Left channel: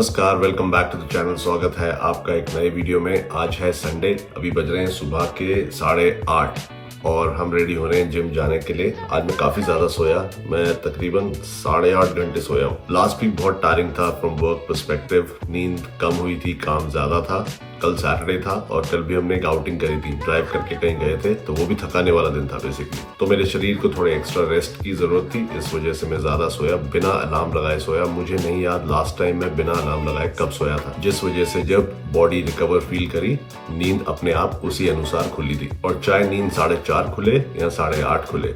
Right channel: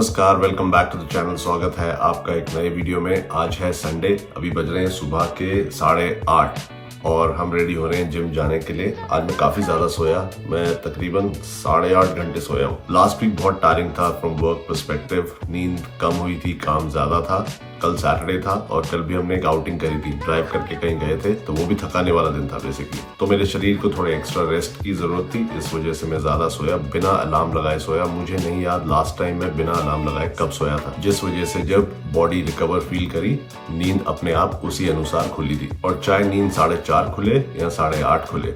नमस्कार, welcome back to the channel. स्वागत है आपका एक नए वीडियो में। आज है संडे, अभी बज रहे हैं सुबह के 8:30 और हम रेडी हो रहे हैं जिम जाने के लिए। आज मैं काफी ज्यादा सोया, मैं तकरीबन 8.5 घंटे सोया हूँ। लास्ट वीक बहुत टायरिंग था फ्रॉम वर्क पर्सपेक्टिव, नींद कम हुई थी, काम ज्यादा था। कल सैटरडे था और कल भी हमने एक आउटिंग करी थी, ड्राइव करके कहीं गए थे, तो वो भी थकाने वाला दिन था बेसिकली। तो मेरे शरीर को थोड़े एक्स्ट्रा रेस्ट की जरूरत थी, इस वजह से मैं ज्यादा सोया, बिना अलार्म लगाए सोया। मुझे नहीं याद लास्ट टाइम मैं बिना अलार्म लगाए कब सोया था, जिस वजह से जब बॉडी रिकवर फील करी, नींद अपने आप उसी अनुसार खुली थी। और चाहे नींद 4:30 खुले या 8:30 खुले,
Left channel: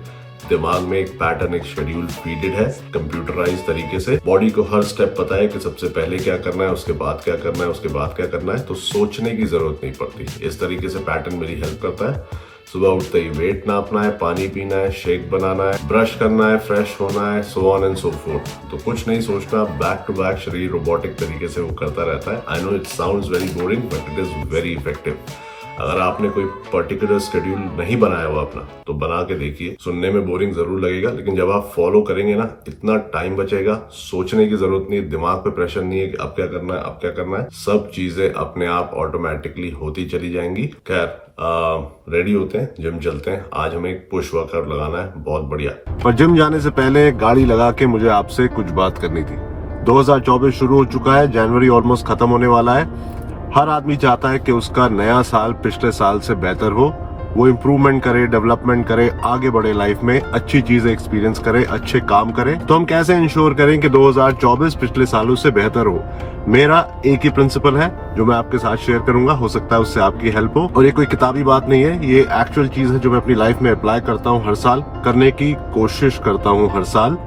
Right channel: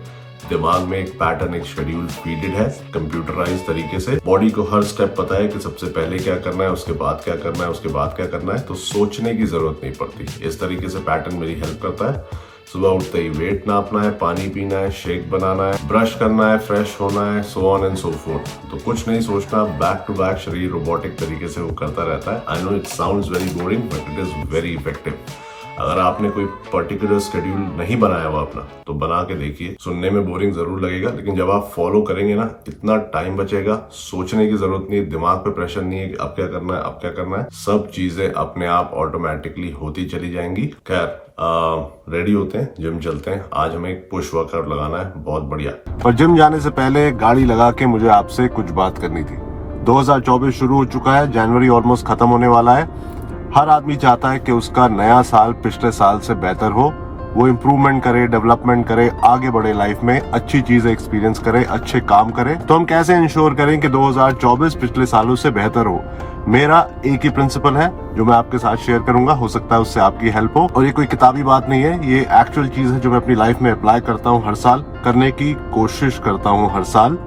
दिमाग में एक पैटर्न, एक शेड्यूल फीडेड है कंप्यूटराइज तरीके से। बॉडी को हर स्टेप पता है कि सबसे पहले क्या करना है, उसके बाद क्या करना है, उसके बाद क्या करना है, तो सोचने की जरूरत नहीं पड़ती। इस तरीके से पैटर्न मेरी हेल्प करता है। सुबह उठते ही वेट नापना है, पानी पीना है, शेक बनाना है, ब्रश करना है, फ्रेश होना है, so on and so fourth. तो कुछ नहीं सोचना, बैक टू बैक शरीर रोबोटिक तरीके से वो करता रहता है। I know it sounds very boring but it is very effective. अगर आपने कोई पर्टिकुलर शेड्यूल नहीं बनाया हुआ अपना, तो बना के देखिए। सुनने में बोरिंग जरूर लगेगा, लेकिन जब आप फॉलो करेंगे ना, इतना टाइम बचेगा, सोचने की जरूरत नहीं है, दिमाग पे प्रेशर नहीं है कि अब क्या करना है, अब क्या करना है। सब चीजें अपने आप ऑटोमेटिकली होती चली जाएंगी। खैर, रेडी होते हैं, जिम चलते हैं। आज हमें एक पुश वर्कआउट लगाना है, बहुत बढ़िया। पर जिम जाने से पहले गाड़ी लगा के मुझे आपसे कुछ बात करनी थी। 2024 शुरू हो चुका है, जनवरी ऑलमोस्ट खत्म होने वाला है। हर आदमी चाहता है कि उसका नया साल पिछले साल से बेहतर हो, वो इम्प्रूवमेंट करे, डेवलपमेंट करे, आगे बढ़े लाइफ में, अच्छी चीजें एक्सपीरियंस करे, अच्छे काम करे। तो हम कैसे इंश्योर करें कि 2024 पिछले सालों से बेहतर हो? मेरा एक ही प्रिंसिपल है जो मैं आपके साथ शेयर करूंगा, हो सकता है उससे आपकी हेल्प हो। और ये कोई किताबी बात नहीं है, ये एक्चुअल चीज है जो मैं अपनी लाइफ में अप्लाई करता हूँ हर साल, करने की कोशिश करता हूँ हर साल।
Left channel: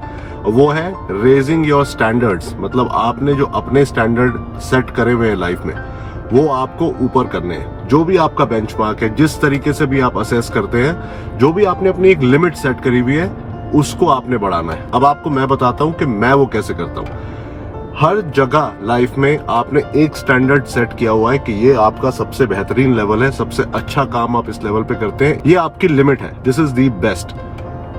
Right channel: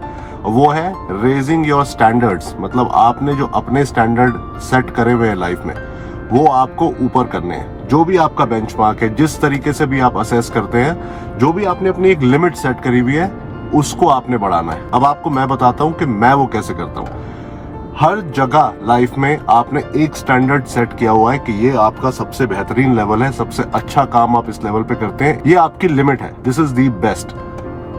वो है रेजिंग योर स्टैंडर्ड्स। मतलब आपने जो अपने स्टैंडर्ड सेट करे हुए हैं लाइफ में, वो आपको ऊपर करने हैं। जो भी आपका बेंचमार्क है, जिस तरीके से भी आप असेस करते हैं, जो भी आपने अपनी एक लिमिट सेट करी हुई है, उसको आपने बढ़ाना है। अब आपको मैं बताता हूं कि मैं वो कैसे करता हूं। हर जगह लाइफ में आपने एक स्टैंडर्ड सेट किया हुआ है कि ये आपका सबसे बेहतरीन लेवल है, सबसे अच्छा काम आप इस लेवल पे करते हैं, ये आपकी लिमिट है, दिस इज दी बेस्ट।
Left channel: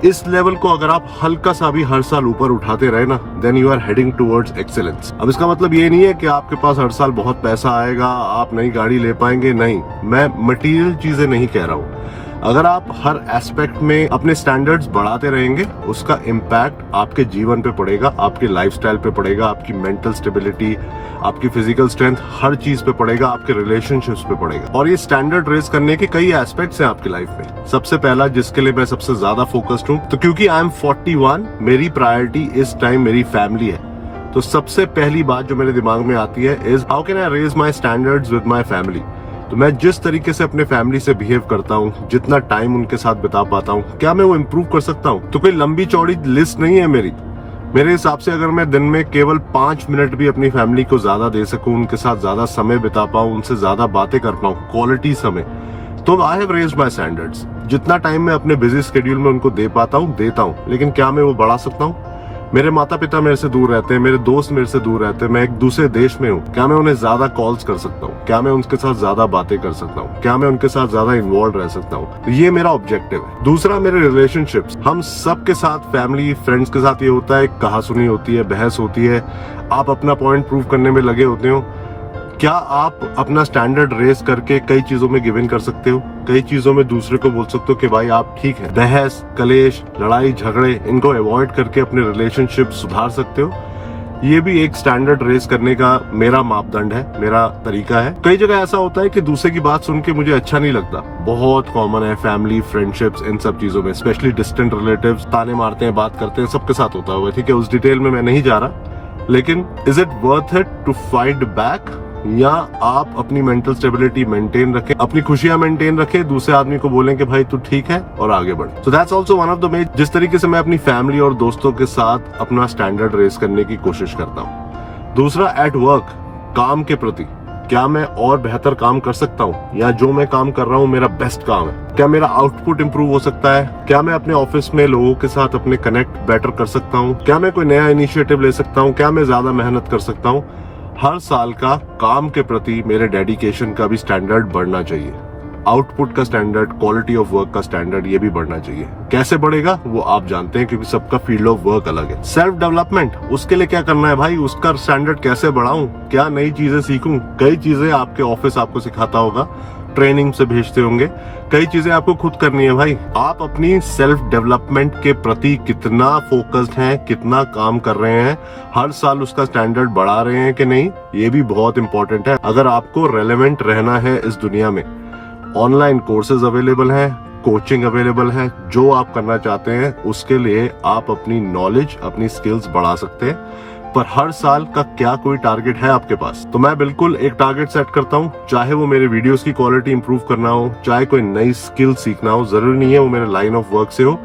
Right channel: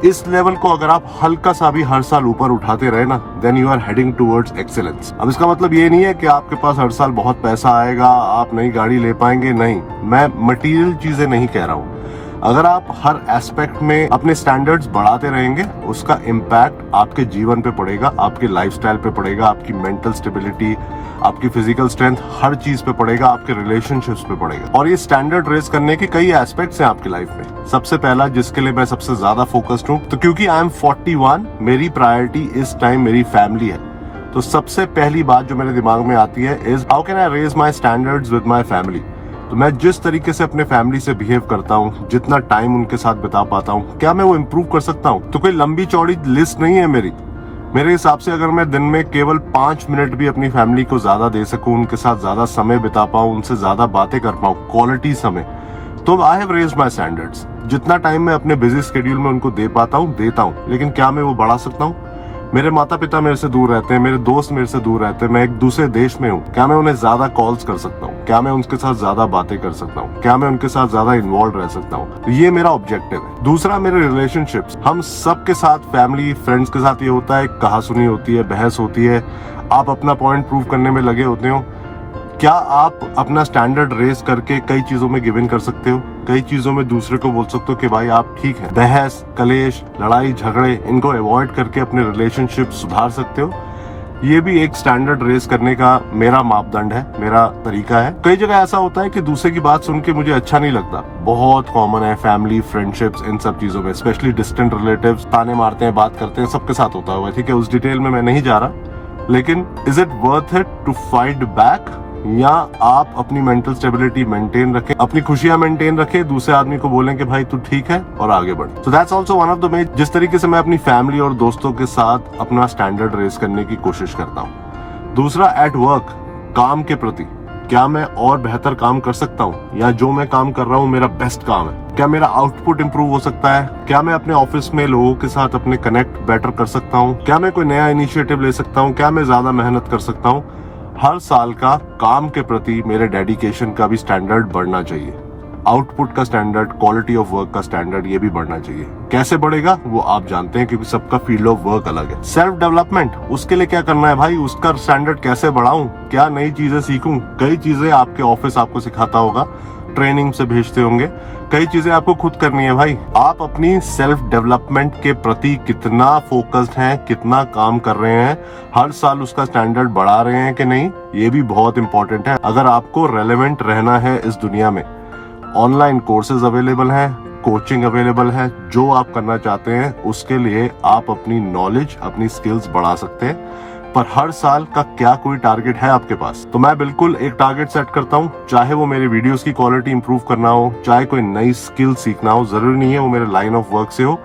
इस लेवल को अगर आप हल्का सा भी हर साल ऊपर उठाते रहे ना, then you are heading towards excellence. अब इसका मतलब ये नहीं है कि आपके पास हर साल बहुत पैसा आएगा, आप नई गाड़ी ले पाएंगे, नहीं। मैं मटेरियल चीजें नहीं कह रहा हूँ। अगर आप हर एस्पेक्ट में अपने स्टैंडर्ड्स बढ़ाते रहेंगे, उसका इम्पैक्ट आपके जीवन पे पड़ेगा, आपके लाइफस्टाइल पे पड़ेगा, आपकी मेंटल स्टेबिलिटी, आपकी फिजिकल स्ट्रेंथ, हर चीज पे पड़ेगा, आपके रिलेशनशिप्स पे पड़ेगा। और ये स्टैंडर्ड रेस करने के कई एस्पेक्ट्स हैं आपकी लाइफ में। सबसे पहला, जिसके लिए मैं सबसे ज्यादा फोकस्ड हूँ, तो क्योंकि आई एम 41, मेरी प्रायोरिटी इस टाइम मेरी फैमिली है। तो सबसे पहली बात जो मेरे दिमाग में आती है is how can I raise my standards with my family. तो मैं जिस तरीके से अपने फैमिली से बिहेव करता हूँ, जितना टाइम उनके साथ बिता पाता हूँ, क्या मैं वो इम्प्रूव कर सकता हूँ? तो कोई लंबी चौड़ी लिस्ट नहीं है मेरी। मेरे हिसाब से अगर मैं दिन में केवल 5 मिनट भी अपनी फैमिली को ज्यादा दे सकूं, उनके साथ ज्यादा समय बिता पाऊं, उनसे ज्यादा बातें कर पाऊं, क्वालिटी समय, तो I have raised my standards. जितना टाइम मैं अपने बिजी स्केड्यूल में उनको दे पाता हूँ, देता हूँ, लेकिन क्या मैं वो बढ़ा सकता हूँ? मेरे माता पिता मेरे से दूर रहते हैं, मेरे दोस्त मेरे से दूर रहते हैं, मैं एक दूसरे देश में हूँ, क्या मैं उन्हें ज्यादा कॉल्स कर सकता हूँ? क्या मैं उनके साथ ज्यादा बातें कर सकता हूँ? क्या मैं उनके साथ ज्यादा इन्वॉल्व रह सकता हूँ? तो ये मेरा ऑब्जेक्टिव है। दूसरा, मेरे रिलेशनशिप्स। हम सबके साथ, फैमिली, फ्रेंड्स के साथ ये होता है, कहासुनी होती है, बहस होती है, आप अपना पॉइंट प्रूव करने में लगे होते हो। क्या आप अपना स्टैंडर्ड रेस करके कई चीजों में गिव इन कर सकते हो? कई चीजों में दूसरे को बोल सकते हो कि भाई आप ठीक है? बहस, कलेश, लड़ाई झगड़े, इनको अवॉइड करके अपने रिलेशनशिप सुधार सकते हो। ये भी एक स्टैंडर्ड रेस करने का मेरा मापदंड है, मेरा तरीका है। कई जगह ऐसा होता है कि दूसरे की बात सुन के मुझे अच्छा नहीं लगता, बहुत कॉमन है फैमिली, फ्रेंडशिप्स, इन सब चीजों में, स्पेशली डिस्टेंट रिलेटिव्स ताने मारते हैं, बात करते हैं, सबके साथ होता है, ठीक है, उस डिटेल में मैं नहीं जा रहा। लेकिन is it worth it to fight back? या आप अपनी मेंटल स्टेबिलिटी मेंटेन रखें, अपनी खुशियां मेंटेन रखें, दूसरे आदमी को बोलें कि भाई तू ठीक है और आगे बढ़। So that's also one of the way जिस तरीके से मैं अपनी फैमिली और दोस्तों के साथ अपना स्टैंडर्ड रेस करने की कोशिश करता हूँ। दूसरा, एट वर्क, काम के प्रति, क्या मैं और बेहतर काम कर सकता हूँ? या जो मैं काम कर रहा हूँ मेरा बेस्ट काम है? क्या मेरा आउटपुट इंप्रूव हो सकता है? क्या मैं अपने ऑफिस में लोगों के साथ अपने कनेक्ट बेटर कर सकता हूँ? क्या मैं कोई नया इनिशिएटिव ले सकता हूँ? क्या मैं ज्यादा मेहनत कर सकता हूँ? हर साल का काम के प्रति मेरे डेडिकेशन का भी स्टैंडर्ड बढ़ना चाहिए। आउटपुट का स्टैंडर्ड, क्वालिटी ऑफ वर्क का स्टैंडर्ड ये भी बढ़ना चाहिए। कैसे बढ़ेगा वो आप जानते हैं, क्योंकि सबका फील्ड ऑफ वर्क अलग है। सेल्फ डेवलपमेंट, उसके लिए क्या करना है भाई, उसका स्टैंडर्ड कैसे बढ़ाऊं, क्या नई चीजें सीखूं। कई चीजें आपके ऑफिस आपको सिखाता होगा, ट्रेनिंग से भेजते होंगे, कई चीजें आपको खुद करनी है भाई। आप अपनी सेल्फ डेवलपमेंट के प्रति कितना फोकस्ड हैं, कितना काम कर रहे हैं, हर साल उसका स्टैंडर्ड बढ़ा रहे हैं कि नहीं, ये भी बहुत इंपॉर्टेंट है। अगर आपको रेलेवेंट रहना है इस दुनिया में, ऑनलाइन कोर्सेज अवेलेबल हैं, कोचिंग अवेलेबल है। जो आप करना चाहते हैं उसके लिए आप अपनी नॉलेज, अपनी स्किल्स बढ़ा सकते हैं। पर हर साल का क्या कोई टारगेट है आपके पास? तो मैं बिल्कुल एक टारगेट सेट करता हूँ, चाहे वो मेरे वीडियोस की क्वालिटी इंप्रूव करना हो, चाहे कोई नई स्किल सीखना हो, जरूरी नहीं है वो मेरे लाइन ऑफ वर्क से हो।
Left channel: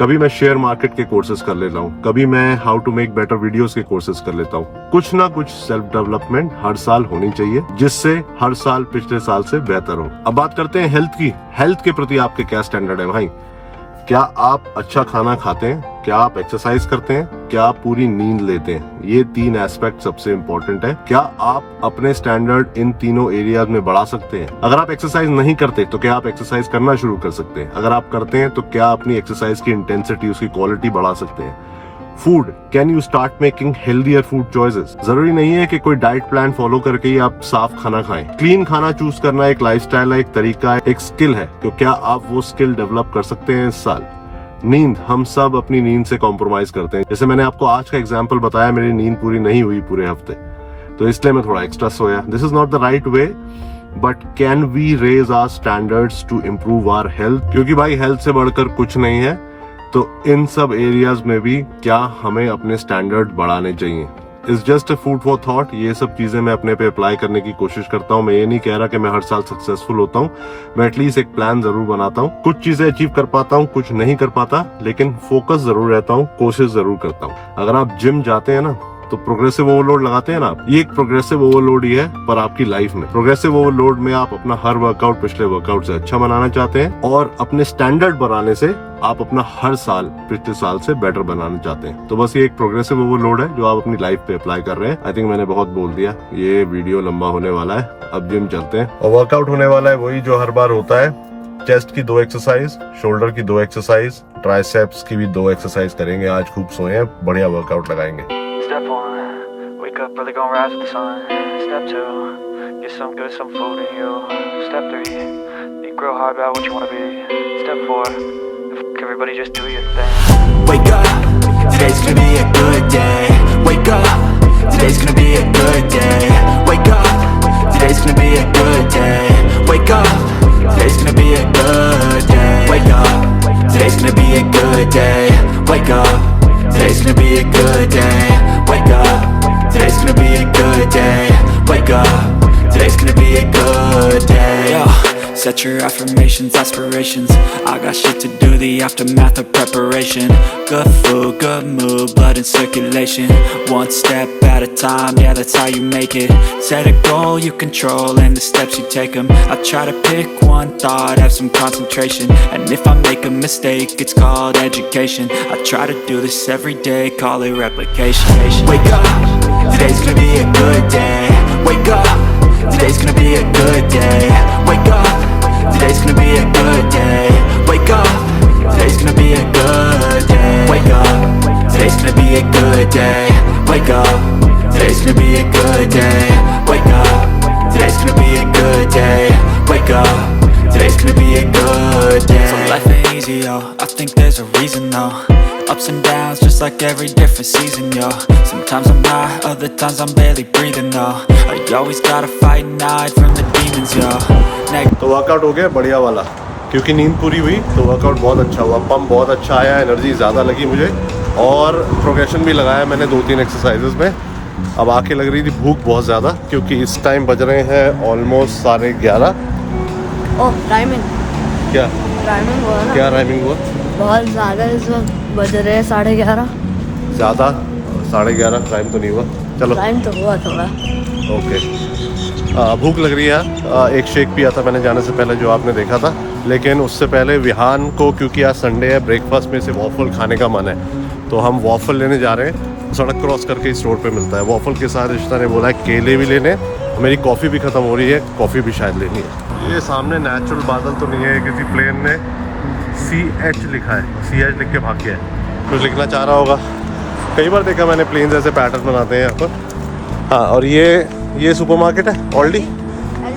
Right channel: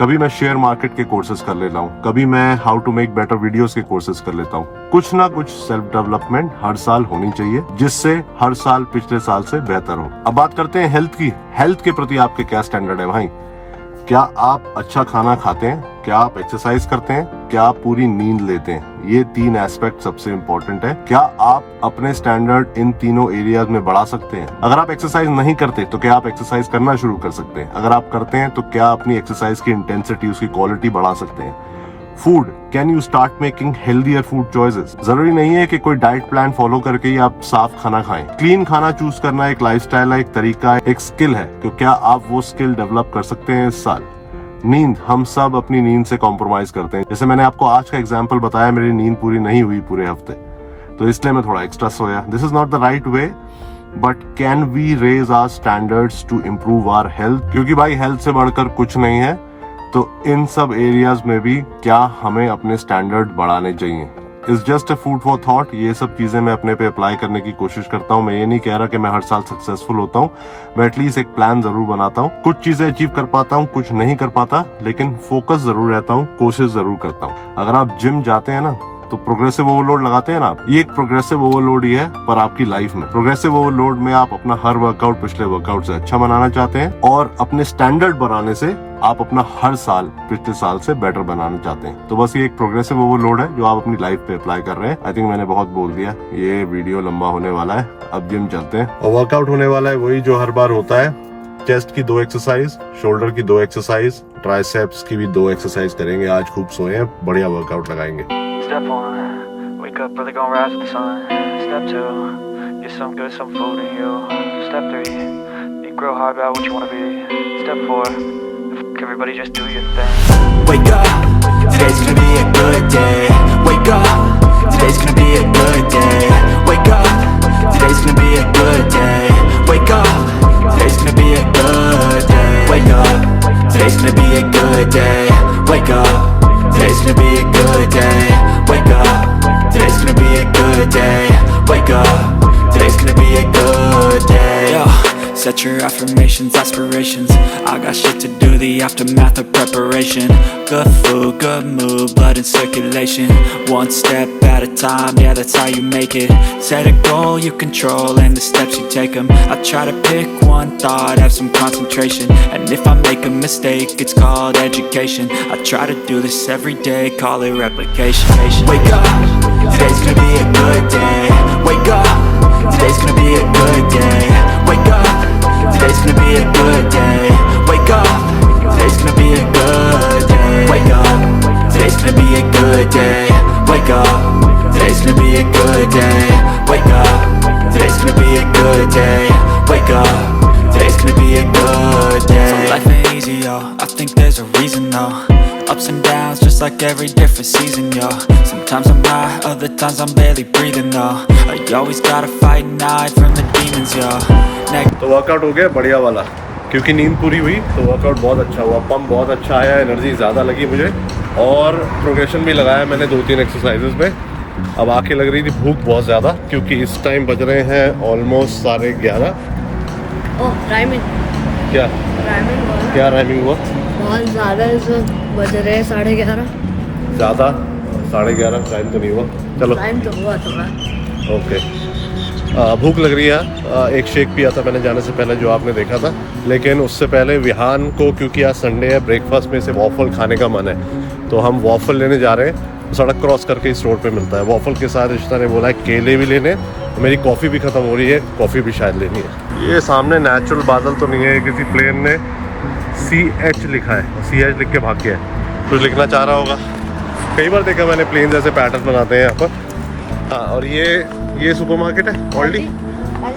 कभी मैं शेयर मार्केट के कोर्सेज कर लेता हूँ, कभी मैं how to make better videos के कोर्सेज कर लेता हूँ। कुछ ना कुछ सेल्फ डेवलपमेंट हर साल होनी चाहिए, जिससे हर साल पिछले साल से बेहतर हो। अब बात करते हैं हेल्थ की। हेल्थ के प्रति आपके क्या स्टैंडर्ड है भाई? क्या आप अच्छा खाना खाते हैं? क्या आप एक्सरसाइज करते हैं? क्या आप पूरी नींद लेते हैं? ये 3 एस्पेक्ट सबसे इंपॉर्टेंट है। क्या आप अपने स्टैंडर्ड इन तीनों एरियाज में बढ़ा सकते हैं? अगर आप एक्सरसाइज नहीं करते तो क्या आप एक्सरसाइज करना शुरू कर सकते हैं? अगर आप करते हैं तो क्या अपनी एक्सरसाइज की इंटेंसिटी, उसकी क्वालिटी बढ़ा सकते हैं? Food, can you start making healthier food choices? जरूरी नहीं है कि कोई डाइट प्लान फॉलो करके ही आप साफ खाना खाएं। क्लीन खाना चूज करना एक लाइफस्टाइल है, एक तरीका है, एक स्किल है। तो क्या आप वो स्किल डेवलप कर सकते हैं इस साल? नींद, हम सब अपनी नींद से कॉम्प्रोमाइज करते हैं। जैसे मैंने आपको आज का एग्जाम्पल बताया, मेरी नींद पूरी नहीं हुई पूरे हफ्ते, तो इसलिए मैं थोड़ा एक्स्ट्रा सोया। This is not the right way, but can we raise our standards to improve our health? क्योंकि भाई हेल्थ से बढ़कर कुछ नहीं है। तो इन सब एरियाज में भी क्या हमें अपने स्टैंडर्ड बढ़ाने चाहिए? Is just a food for thought. ये सब चीजें मैं अपने पे अप्लाई करने की कोशिश करता हूँ। मैं ये नहीं कह रहा कि मैं हर साल सक्सेसफुल होता हूँ, मैं एटलीस्ट एक प्लान जरूर बनाता हूँ। कुछ चीजें अचीव कर पाता हूँ, कुछ नहीं कर पाता, लेकिन फोकस जरूर रहता हूँ, कोशिश जरूर करता हूँ। अगर आप जिम जाते हैं ना तो प्रोग्रेसिव ओवरलोड लगाते हैं ना आप, ये एक प्रोग्रेसिव ओवरलोड ही है, पर आपकी लाइफ में। प्रोग्रेसिव ओवरलोड में आप अपना हर वर्कआउट पिछले वर्कआउट से अच्छा बनाना चाहते हैं, और अपने स्टैंडर्ड बनाने से आप अपना हर साल पिछले साल से बेटर बनाना चाहते हैं। तो बस ये एक प्रोग्रेसिव ओवरलोड है जो आप अपनी लाइफ पे अप्लाई कर रहे हैं। आई थिंक मैंने बहुत बोल दिया, ये वीडियो लंबा होने वाला है। अब जिम चलते हैं, और वर्कआउट होने वाला है वही जो हर बार होता है। चेस्ट की 2 एक्सरसाइज, शोल्डर की 2 एक्सरसाइज, ट्राइसेप्स की भी 2 एक्सरसाइज करेंगे। आज खूब सोए हैं, बढ़िया वर्कआउट लगाएंगे। Step 1, wake up early, gonna rise with the sun. Step 2, get some good, some food in you. Step 3, think real hard about what you wanna be. Step 4, everybody just do your thing. Wake up, today's gonna be a good day. Wake up, today's gonna be a good day. Wake up, today's gonna be a good day. Wake up, today's gonna be a good day. Wake up, today's gonna be a good day. Wake up, today's gonna be a good day. Wake up, today's gonna be a good day. Wake up, today's gonna be a good day. Yo, set your affirmations, aspirations. I got shit to do, the aftermath of preparation. Good food, good mood, blood in circulation. One step at a time, yeah, that's how you make it. Set a goal you control and the steps you take them. I try to pick one thought, have some concentration. And if I make a mistake, it's called education. I try to do this every day, call it replication. Wake up, today's gonna be a good day. Wake up, today's gonna be a good day. Wake up, today's gonna be a good day. Wake up, today's gonna be a good day. Wake up, today's gonna be a good day. Wake up, today's gonna be a good day. Wake up, today's gonna be a good day. Wake up, today's gonna be a good day. So life ain't easy, yo, I think there's a reason though. Ups and downs, just like every different season, yo. Sometimes I'm high, other times I'm barely breathing, though. I always gotta fight and hide from the demons, yo. तो workout हो गया बढ़िया वाला, क्योंकि नींद पूरी हुई तो वर्कआउट बहुत अच्छा हुआ, पंप बहुत अच्छा आया, एनर्जी ज़्यादा लगी मुझे, और प्रोग्रेशन भी लगाया मैंने 2-3 एक्सरसाइजेज में। अब आके लग रही थी भूख बहुत ज़्यादा, क्योंकि इस टाइम बज रहे हैं ऑलमोस्ट 11:30। राइमिंग क्या हुआ ना? क्या राइमिंग हुआ? बहुत ज़्यादा बज रहे हैं 11:30। ज़्यादा 11:30 टाइम तो नहीं हुआ, चलो टाइम तो हुआ थोड़ा। ओके। भूख लग रही है। एक शेक पिया था मैंने जाने से पहले जो आपने देखा था, लेकिन उससे पहले विहान को, क्योंकि आज संडे है, ब्रेकफास्ट में से वॉफल खाने का मन है, तो हम वॉफल लेने जा रहे हैं। सड़क क्रॉस करके इस रोड पे मिलता है वॉफल के साथ। रिश्ता ने बोला है केले भी लेने, मेरी कॉफ़ी भी ख़त्म हो रही है, कॉफ़ी भी शायद लेनी है। ये सामने नेचुरल बादल तो नहीं है, किसी प्लेन ने CH लिखा है, CH लिख के भाग गया है, कुछ लिखना चाह रहा होगा। कई बार देखा मैंने प्लेन जैसे पैटर्न बनाते हैं यहाँ पर। हाँ, और ये सुपरमार्केट है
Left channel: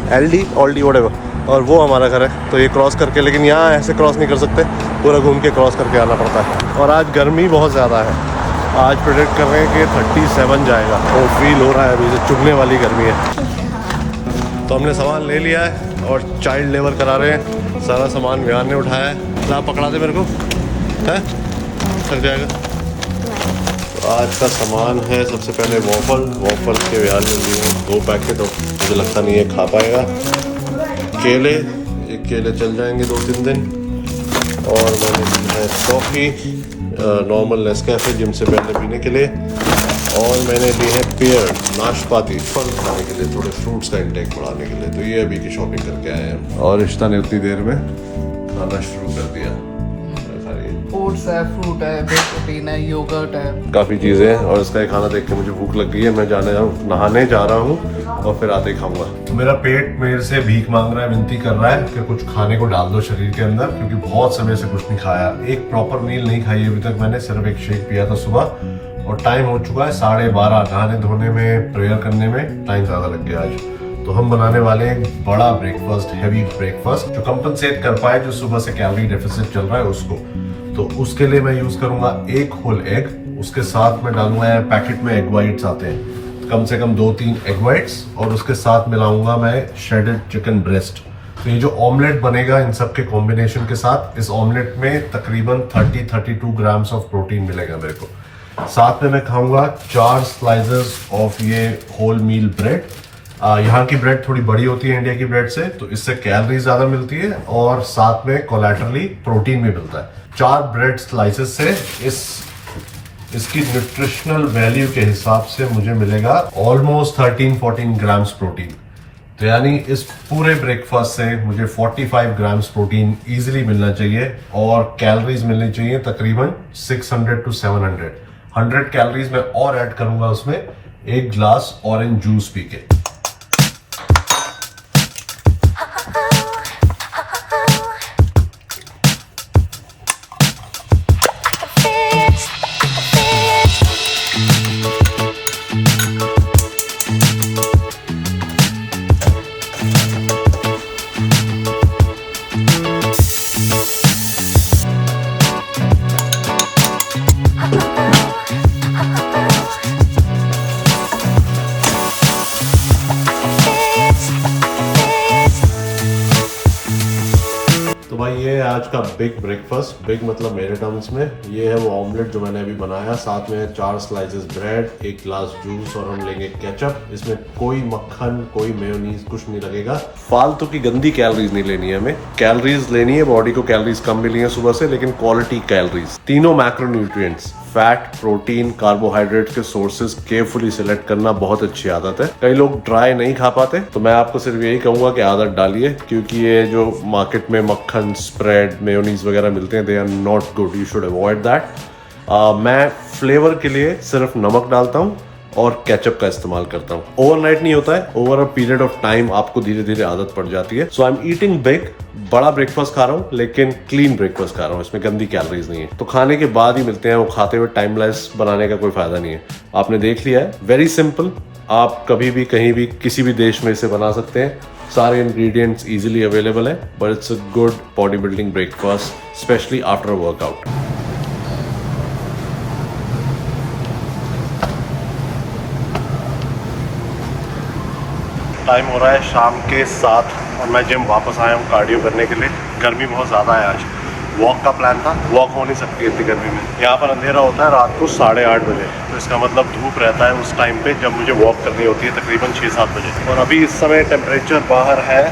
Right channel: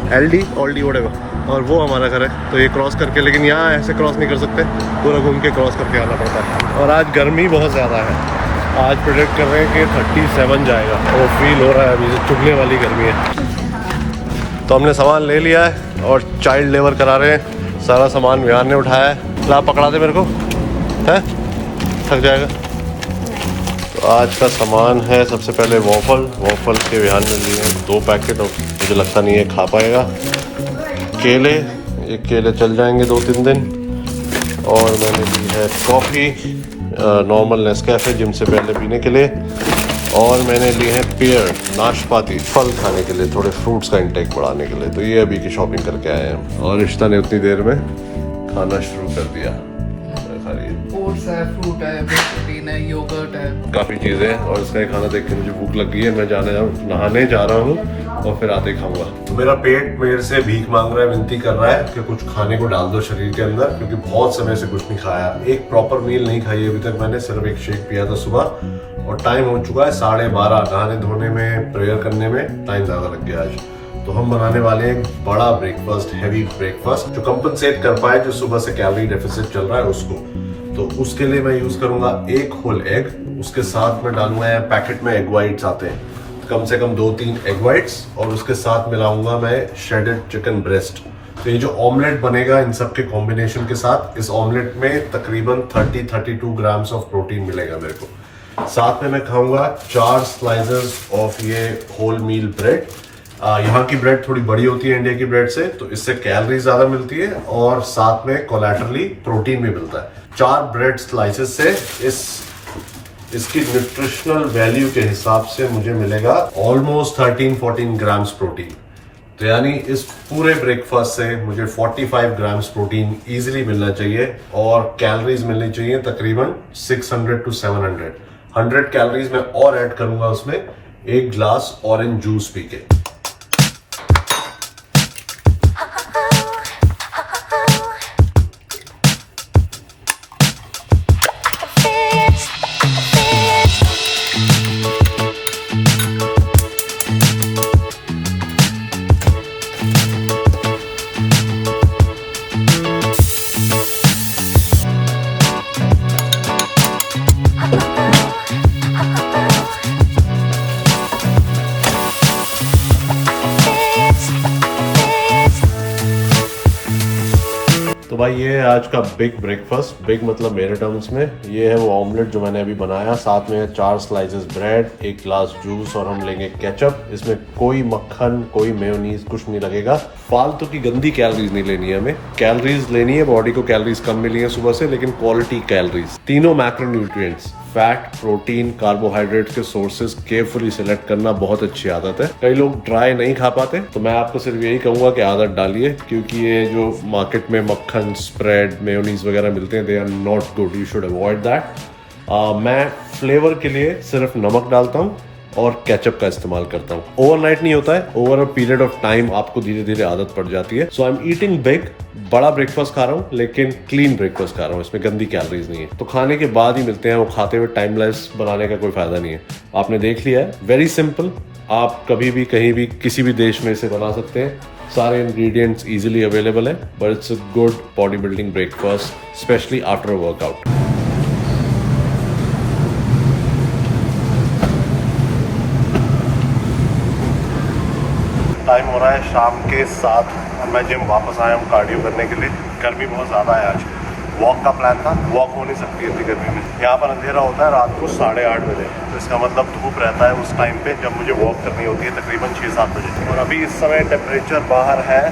LD व्हाटएवर, और वो हमारा घर है। तो ये क्रॉस करके, लेकिन यहाँ ऐसे क्रॉस नहीं कर सकते, पूरा घूम के क्रॉस करके आना पड़ता है। और आज गर्मी बहुत ज़्यादा है, आज प्रेडिक्ट कर रहे हैं कि 37 जाएगा, तो फील हो रहा है अभी से चुभने वाली गर्मी है। तो हमने सामान ले लिया है और चाइल्ड लेबर करा रहे हैं, सारा सामान विहान ने उठाया है। ला पकड़ा दे मेरे को, है थक जाएगा। तो आज का सामान है सबसे पहले वॉफल के विहान ने लिए हैं 2 पैकेट, और मुझे लगता नहीं है खा पाएगा। केले, ये केले चल जाएंगे 2-3 दिन। और मैंने ली है कॉफ़ी, नॉर्मल नेस्कैफे जिम से पहले पीने के लिए। और मैंने लिए हैं पेयर, नाशपाती, फल खाने के लिए, थोड़े फ्रूट्स का इंटेक बढ़ाने के लिए। तो ये अभी की शॉपिंग करके आए हैं। और रिश्ता ने उतनी देर में खाना शुरू कर दिया। ओट्स है, फ्रूट है, प्रोटीन है, योगर्ट है, काफ़ी चीज़ें। और इसका ये खाना देख के मुझे भूख लग गई है, मैं नहाने जा रहा हूँ और फिर आते ही खाऊंगा। मेरा पेट मेरे से भीख मांग रहा है, विनती कर रहा है कि कुछ खाने को डाल दो शरीर के अंदर, क्योंकि बहुत समय से कुछ नहीं खाया। एक प्रॉपर मील नहीं खाई अभी तक मैंने, सिर्फ एक शेक पिया था सुबह। और टाइम हो चुका है 12:30, नहाने धोने में, प्रेयर करने में टाइम ज़्यादा लग गया आज। तो हम बनाने वाले हैं बड़ा ब्रेकफास्ट, हैवी ब्रेकफास्ट, जो कंपनसेट कर पाए जो सुबह से कैलोरी डेफिसिट चल रहा है उसको। तो उसके लिए मैं यूज करूंगा 1 होल एग, उसके साथ में डालूंगा, पैकेट में एग वाइट्स आते हैं, कम से कम 2-3 एग वाइट्स, और उसके साथ मिलाऊंगा मैं श्रेडेड चिकन ब्रेस्ट। तो ये जो ऑमलेट बनेगा इन सब के कॉम्बिनेशन के साथ, इस ऑमलेट में तकरीबन 30-32 ग्राम्स ऑफ प्रोटीन मिलेगा मेरे को। साथ में मैं खाऊंगा 4 स्लाइसेस ऑफ ये होल मील ब्रेड। यहाँ की ब्रेड थोड़ी बड़ी होती है इंडिया की ब्रेड से, तो इससे कैलोरी ज्यादा मिलती है और साथ में कोलैटरली प्रोटीन भी मिलता है। 4 ब्रेड स्लाइसेस से इसकी न्यूट्रिशनल वैल्यू के हिसाब से मुझे मिलेगा ऑलमोस्ट 13-14 ग्राम्स प्रोटीन। तो यानी इस पूरे ब्रेकफास्ट से मुझे 45 ग्राम्स प्रोटीन इजीली मिलना चाहिए, और कैलोरीज मिलनी चाहिए तकरीबन 600 to 700। 100 कैलोरीज में और ऐड करूंगा उसमें 1 ग्लास ऑरेंज जूस पी के। तो भाई ये है आज का बिग ब्रेकफास्ट। बिग मतलब मेरे टर्म्स में ये है वो ऑमलेट जो मैंने अभी बनाया, साथ में 4 स्लाइसेस ब्रेड, 1 ग्लास जूस, और हम लेंगे केचप। इसमें कोई मक्खन, कोई मेयोनीज, कुछ नहीं लगेगा। फालतू की गंदी कैलोरीज नहीं लेनी है हमें, कैलोरीज लेनी है, बॉडी को कैलोरीज कम मिली है सुबह से, लेकिन क्वालिटी कैलोरीज। तीनों मैक्रोन्यूट्रिएंट्स, फैट, प्रोटीन, कार्बोहाइड्रेट के सोर्सेज केयरफुली सिलेक्ट करना बहुत अच्छी आदत है। कई लोग ड्राई नहीं खा पाते, तो मैं आपको सिर्फ यही कहूंगा कि आदत डालिए, क्योंकि ये जो मार्केट में मक्खन, स्प्रेड, मेयोनीज वगैरह मिलते हैं, they are not good, you should avoid that. मैं फ्लेवर के लिए सिर्फ नमक डालता हूँ और केचप का इस्तेमाल करता हूँ। ओवरनाइट नहीं होता है, over a period of time आपको धीरे धीरे आदत पड़ जाती है। सो आई एम ईटिंग बिग, बड़ा ब्रेकफास्ट खा रहा हूँ, लेकिन क्लीन ब्रेकफास्ट खा रहा हूँ, इसमें गंदी कैलोरीज नहीं है। तो खाने के बाद ही मिलते हैं, वो खाते हुए टाइमलेस बनाने का कोई फायदा नहीं है। आपने देख लिया है, वेरी सिंपल, आप कभी भी कहीं भी किसी भी देश में इसे बना सकते हैं। सारे इंग्रेडिएंट्स इजीली अवेलेबल है, but it's a good body building breakfast, specially after workout. Time हो रहा है शाम के 7 और मैं जिम वापस आया हूँ कार्डियो करने के लिए। गर्मी बहुत ज़्यादा है आज, वॉक का प्लान था, वॉक हो नहीं सकती इतनी गर्मी में। यहाँ पर अंधेरा होता है रात को 8:30 बजे, तो इसका मतलब धूप रहता है उस टाइम पे जब मुझे वॉक करनी होती है, तकरीबन 6-7 बजे। और अभी इस समय टेम्परेचर बाहर है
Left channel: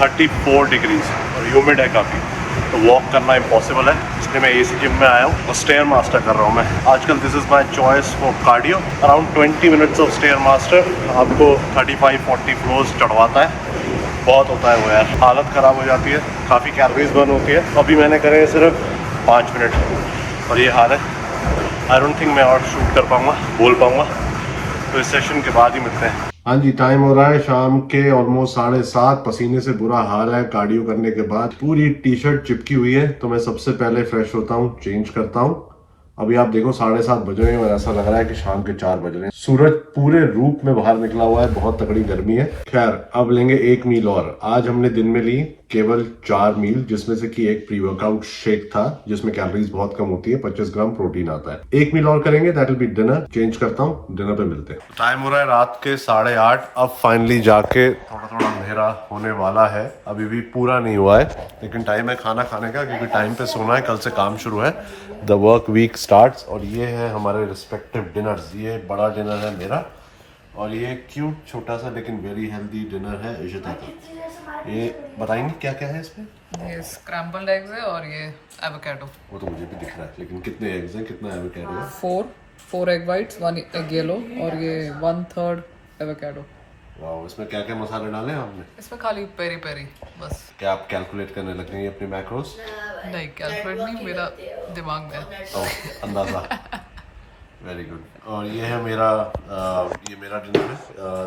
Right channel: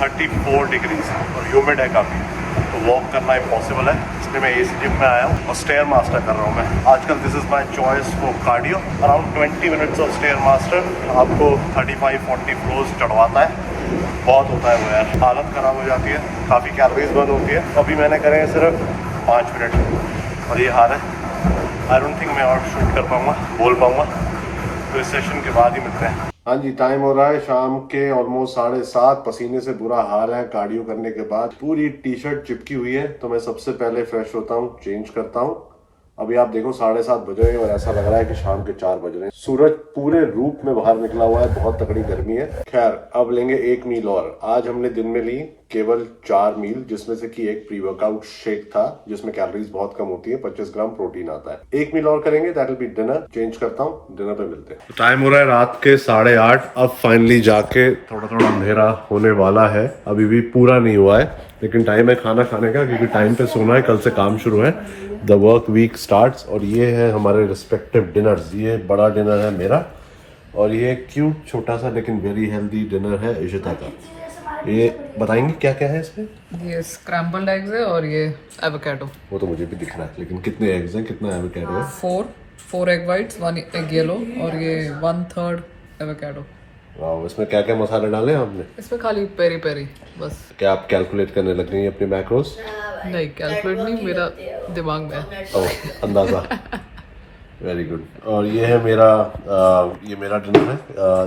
34 डिग्रीज और ह्यूमिड है काफ़ी, तो वॉक करना इम्पॉसिबल है, इसलिए मैं AC जिम में आया हूँ और स्टेयर मास्टर कर रहा हूँ मैं आजकल। This is my choice for cardio. Around 20 minutes of stair master आपको 35-40 फ्लोर्स चढ़वाता है। बहुत होता है वो यार, हालत ख़राब हो जाती है, काफ़ी कैलोरीज बर्न होती है। अभी मैंने करे सिर्फ 5 मिनट और ये हाल है। आई डोंट थिंक मैं और शूट कर पाऊँगा, बोल पाऊँगा, तो इस सेशन के बाद ही मिलते हैं। हाँ जी, टाइम हो रहा है शाम के ऑलमोस्ट 7:30। पसीने से बुरा हाल है कार्डियो करने के बाद। पूरी टी शर्ट चिपकी हुई है, तो मैं सबसे पहले फ्रेश होता हूँ, चेंज करता हूँ। अभी आप देखो 7:30 बज रहे हैं और ऐसा लग रहा है कि शाम के 4 बज रहे हैं। सूरज पूरे रूप में बाहर निकला हुआ है, बहुत तगड़ी गर्मी है। खैर, अब लेंगे 1 मील और। आज हमने दिन में ली केवल 4 मील, जिसमें से कि एक प्री वर्कआउट शेक था जिसमें कैलोरीज बहुत कम होती है, 25 ग्राम प्रोटीन आता है। 1 मील और करेंगे, that will be dinner. Change करता हूँ, डिनर पे मिलते हैं। टाइम हो रहा है रात के 8:30। अब फाइनली जाके थोड़ा थोड़ा अंधेरा होने वाला है, अभी भी पूरा नहीं हुआ है, लेकिन टाइम है खाना खाने का, क्योंकि टाइम पे सोना है। कल से काम शुरू है, द वर्क वीक स्टार्ट्स। और ये है हमारे रिस्पेक्टिव डिनर्स। ये बड़ा डिनर है मेरा, और ये क्यूट छोटा सा लेकिन वेरी हेल्दी डिनर है इशिता का। ये बताएंगे क्या क्या है इसमें? ये स्क्रैम्बल्ड एग्स है और ये एवोकाडो। वो तो मुझे भी दिख रहा है, लेकिन कितने एग्स हैं, कितना एवोकाडो है? 4 एग वाइट्स, 1 एग येलो और ये 1/3 एवोकाडो। वाह, इसमें क्या क्या मसाले डाले हैं आपने? इसमें खाली पेरी पेरी बस। क्या आप कैलकुलेट करने लग गई हैं अपने मैक्रोस? नहीं, कैलकुलेट नहीं, मेरा दिमाग में है। ओह, अंदाजा। Very good. और ये है मेरा डिनर है।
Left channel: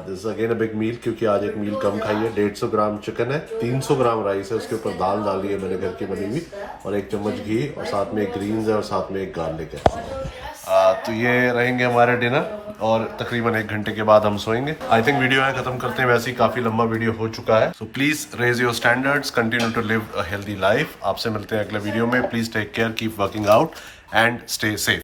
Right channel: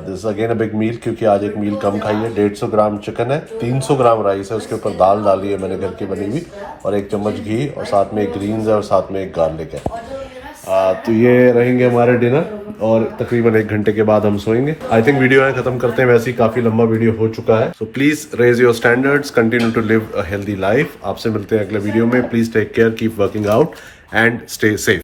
दिस अगेन अ बिग मील, क्योंकि आज एक मील कम खाई है। 150 ग्राम चिकन है, 300 ग्राम राइस है, उसके ऊपर दाल डाली है मैंने घर की बनी हुई, और 1 चम्मच घी, और साथ में एक ग्रीन्स है, और साथ में एक गार्लिक है। तो ये रहेंगे हमारे डिनर, और तकरीबन 1 घंटे के बाद हम सोएंगे। आई थिंक वीडियो है खत्म करते हैं, वैसे ही काफी लंबा वीडियो हो चुका है। So please raise your standards, continue to live a healthy life. आपसे मिलते हैं अगले वीडियो में। Please take care, keep working out and stay safe.